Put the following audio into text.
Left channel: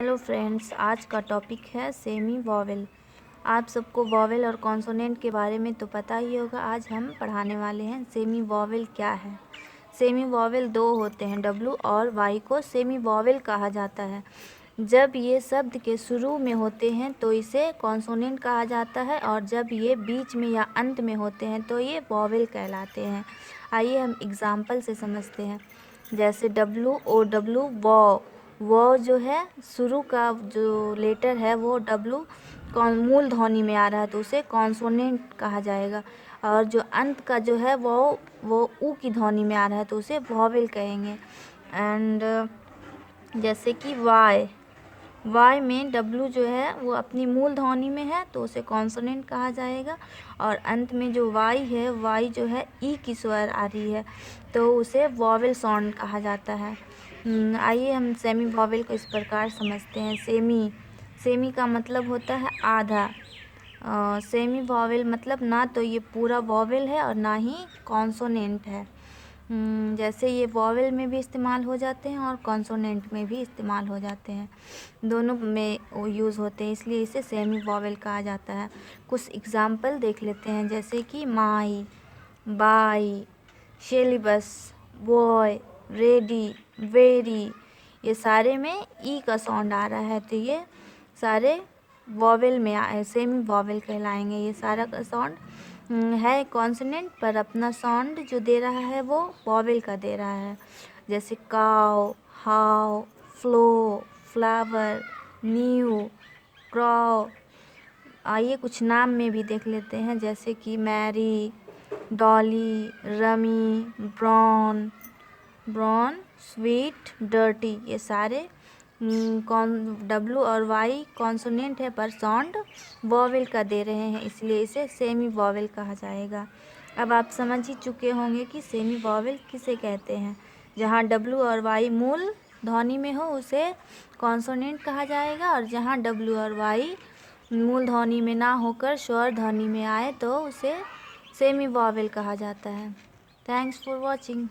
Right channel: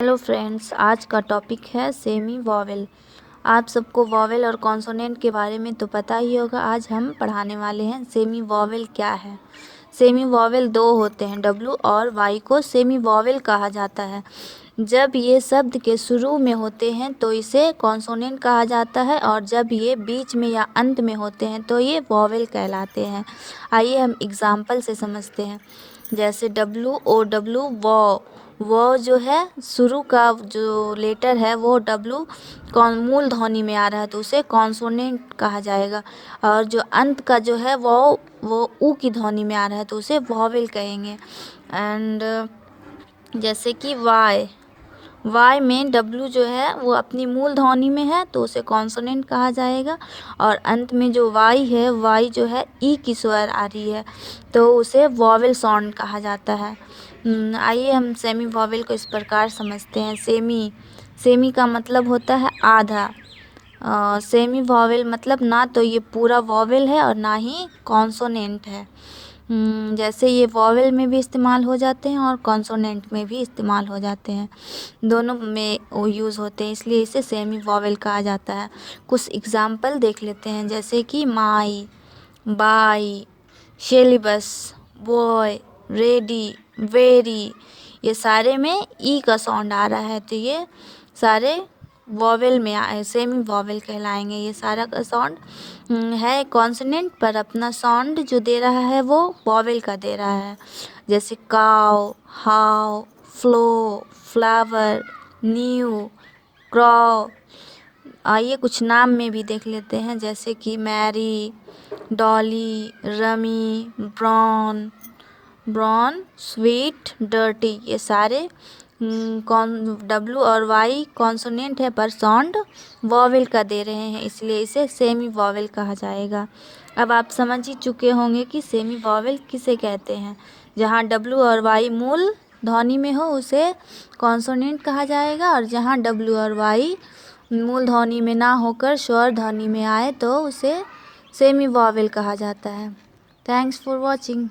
Hello friends, आज का topic है सेमी वॉवेल। आप सबको वॉवेल और कॉन्सोनेंट के बारे में तो पता ही होगा। आज हम पढ़ाने वाले हैं सेमी वॉवेल क्या है। सेमी वॉवेल दो होते हैं, डब्ल्यू और वाई को सेमी वॉवेल कहा जाता है। जब ये शब्द के शुरू में होते हैं तो इसे कॉन्सोनेंट कहा जाता है, और जब ये बीच में या अंत में होते हैं तो ये वॉवेल कहलाते हैं। आइए हम एग्जाम्पल से समझते हैं। जैसे WOW, वो जो है शुरू का जो लेटर है वो डब्लू कौन मूल ध्वनि में आ रहा है तो उसे कॉन्सोनेंट कहा जाएगा, और जो अंत का जो है वो ऊ की ध्वनि में आ रहा है तो उसे वॉवेल कहेंगे। एंड जैसे कि वाई में डब्लू जो है वो अपनी मूल ध्वनि में है तो उसे कॉन्सोनेंट कहा जाएगा, और अंत में जो वाई जो है ई की स्वर आ रही है तो उसे वॉवेल साउंड कहा जाता है। आइए हम सेमी वॉवेल को इस प्रकार समझते हैं। सेमी का मतलब होता है आधा। सेमी वॉवेल मतलब ना तो ये पूरा वॉवेल है और ना ही कॉन्सोनेंट है। जैसे ये वॉवेल में भी इस्तेमाल हो जाते हैं और कॉन्सोनेंट में भी इस्तेमाल हो जाते हैं, दोनों में वो यूज़ होते हैं, इसलिए इसे सेमी वॉवेल कहा जाता है। कुछ एग्जाम्पल देख लेते हैं, जैसे कि my, by, syllabus, boy, ready, very, ये सारे में ई का साउंड आ रहा है तो ये सारे वॉवेल में सेमी वॉवेल कहलाएंगे। ये सारा का साउंड है कॉन्सोनेंट, पर अपना साउंड जो दे रहा है वो वॉवेल का दे रहा है। जैसे cow, how, flow, flower, new, crow. आइए कुछ नाम में भी देख लेते हैं, जैसे कि Mary, Dolly, Rummy, brown, sweet, dirty, ये सारे डब्लू और वाई कॉन्सोनेंट है पर साउंड वॉवेल का दे रहे हैं, इसलिए इसे सेमी वॉवेल कहा जाएगा। अब आप समझ ही चुके होंगे कि सेमी वॉवेल किसे कहते हैं। जहाँ डब्लू और वाई मूल ध्वनि में हो उसे कॉन्सोनेंट कहा जाएगा, और जहाँ डब्लू और वाई मूल ध्वनि में ना होकर स्वर ध्वनि में आए तो उसे सेमी वॉवेल कहा जाता है। Thanks for watching.